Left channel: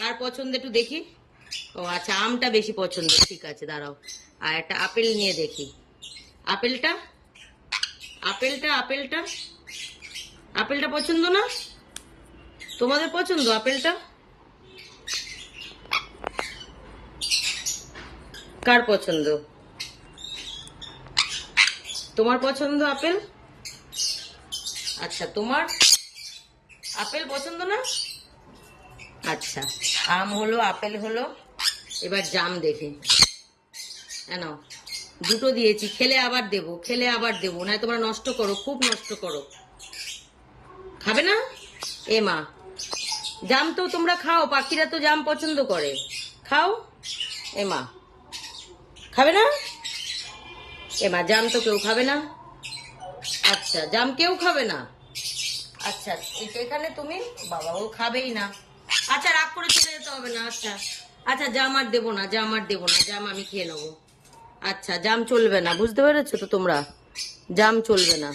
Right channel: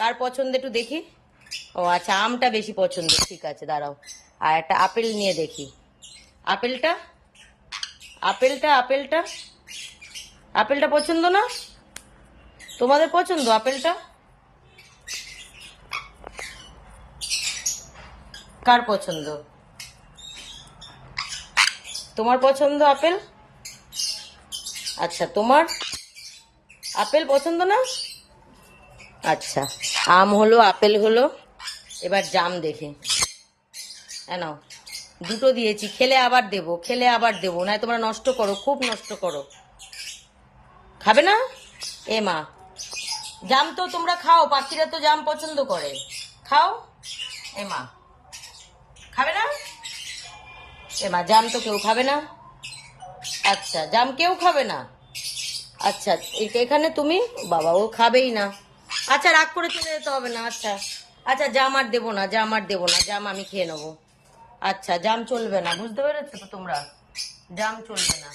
কার পছন্দ একটু দেখি। ও আচ্ছা, আমটা বেশি পছন্দ, ঠিক আছে দাঁড়াও। আর একটা আপেল নিয়ে দেখি। আপেলটা আপেলটা আপেলটা আপেলটা পছন্দ না? তোমাদের পছন্দ আপেলটা? কার পছন্দ? তোমার পছন্দ আপেল? আচ্ছা, তোমার আপেল পছন্দ না? আচ্ছা, আম হলো, আপেল হলো, এবার জাম দেখি। নাও, দুটো দিয়েছি, খেলে আবার দেবো, খেলে আবার দেবো, না তোমরা নষ্ট করো, খুব নষ্ট করো। খাবে না? এ মা, জাম তো তোমরা খাও, পাখিরা তো জাম পছন্দ করে, খাও। এ মা, খাবে না? এ মা, জাম তো কেউ খাবে না। আচ্ছা, জাম কেউ খাবে না। আচ্ছা, এখানে তুমি, বাবা ও খাবেই না। আচ্ছা, রাগ করে চলে যেতে হবে না। আচ্ছা আচ্ছা, জাম আর দেবো না, জাম আর দেবো না, জাম আমি খেয়ে নেবো। আচ্ছা, জাম চলবে না, বুঝতে পেরেছো তো তোমরা? জাম চলবে না,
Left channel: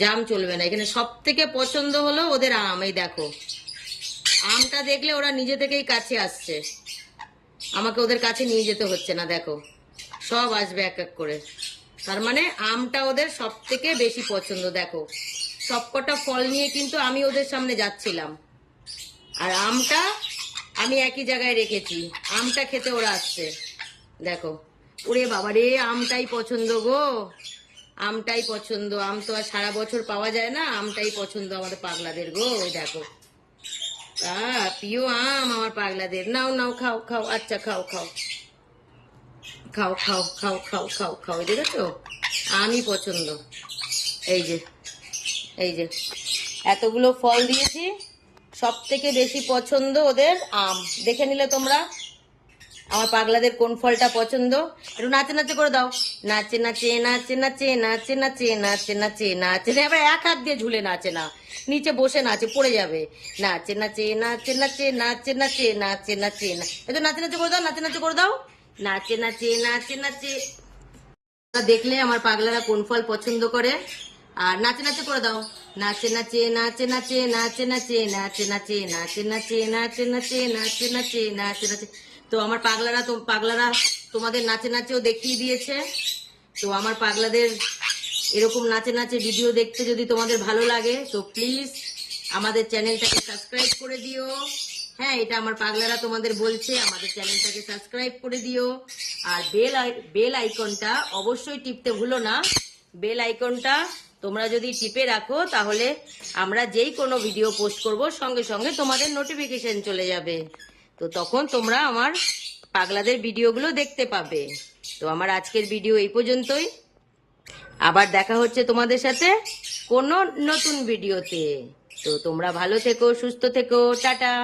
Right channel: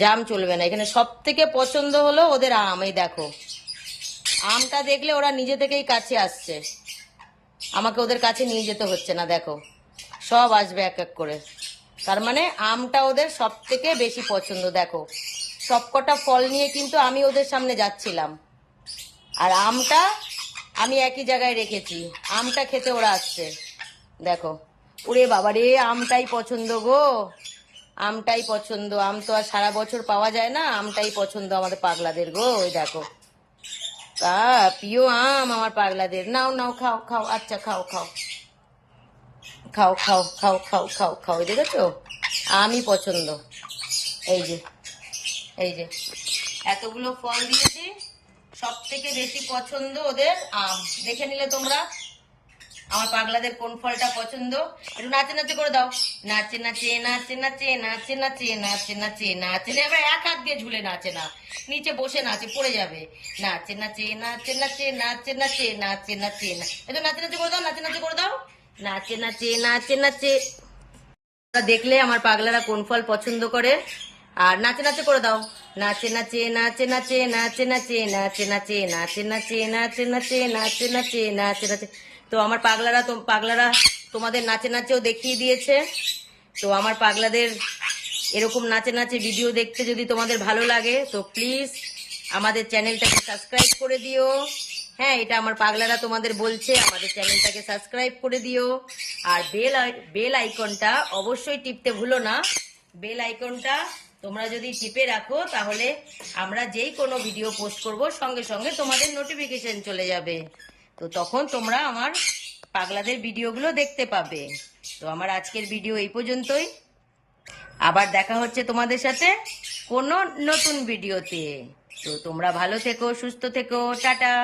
জাম চলবে না। এখানে সব থেকে পছন্দ হলো ওদের আম। এই দেখো, আমটা দেখলে ওরা নিজে থেকেই কাছে আসছে, আমাকে ওদের কাছে নিয়ে যেতে হচ্ছে না। দেখো, সব আসবে এক এক করে। তার মানে আমটা ওদের সব থেকে বেশি পছন্দ। দেখো, সবকটা ফল নিয়ে কিন্তু আমি ওদের সামনে যাচ্ছিলাম, আর আমটা আমি একই জায়গায় রেখেছি, আমটা খেতে ওরা আসছে। দেখো, ওরে বাবা রে, আমটাই পছন্দ গো, আমটাই পছন্দ। আম তো আর সারা বছর পাওয়া যায় না, আমটাই পছন্দ আমাদের পাগলাদের গো। ওই দেখো, তা প্রিয় আম আমার পাগলাদের। নাও নাও, খাও খাও, আচ্ছা খাও খাও খাও খাও খাও খাও খাও খাও। এই দেখেছো, আমই পছন্দ। এই যে, এই যে এতগুলো ফল দিয়েছি, সব থেকে বেশি পছন্দ ওদের আম। দেখে নিলে তোমরা আমার পাগলাদের কোন ফলটা পছন্দ। একটু নাচে নাচে করে দাও, নাচে নাচে নাচে নাচে নাচে নাচে নাচে নাচে নাচে। আবার এক হাত দিয়ে ঝুলে নাচে না, নিচে বসে নাচে, পড়ে যাবে। নাচে নাচে নাচে নাচে নাচে নাচে নাচে নাচে না, একটু নাচে নাচে করে দাও, নাচে নাচে করে দাও, নাচে নাচে নাচে নাচে। দেখলে আমার পাগলারা কোন ফল পছন্দ করে। আর নাচে নাচে করে দাও, নাচে নাচে নাচে নাচে নাচে নাচে নাচে নাচে নাচে নাচে নাচে নাচে নাচে নাচে নাচে নাচে। তো আমার পাগলারা তোমাদের নাচে নাচেও দেখিয়ে দিয়েছে। তো আমার পাগলাদের এরকম নাচে নাচে ভিডিও দেখতে যদি তোমাদের ভালো লাগে, তো প্লিজ আমাদের চ্যানেলটাকে সাবস্ক্রাইব করে দিও। হ্যাঁ, এটা আমার পাগলারা তোমাদের বলছে, আমাদের চ্যানেলটাকে সাবস্ক্রাইব করে দিও। আর বেল আইকনটা অবশ্যই টিপতে ভুলো না। বেল আইকনটা তোমরা যদি টিপে রাখো, তাহলে আমরা যেই কোনো ভিডিও পোস্ট করব, সঙ্গে সঙ্গে তোমাদের নোটিফিকেশন চলে যাবে। তো তখন তোমরা আমার পাগলাদের ভিডিওগুলো দেখতে পাবে। তো আমার আজকের ভিডিও এই পর্যন্তই। আবার দেখা হচ্ছে তোমাদের সাথে কোনো নতুন ভিডিওতে। তো তোমরা ভালো থেকো, সুস্থ থেকো, টাটা।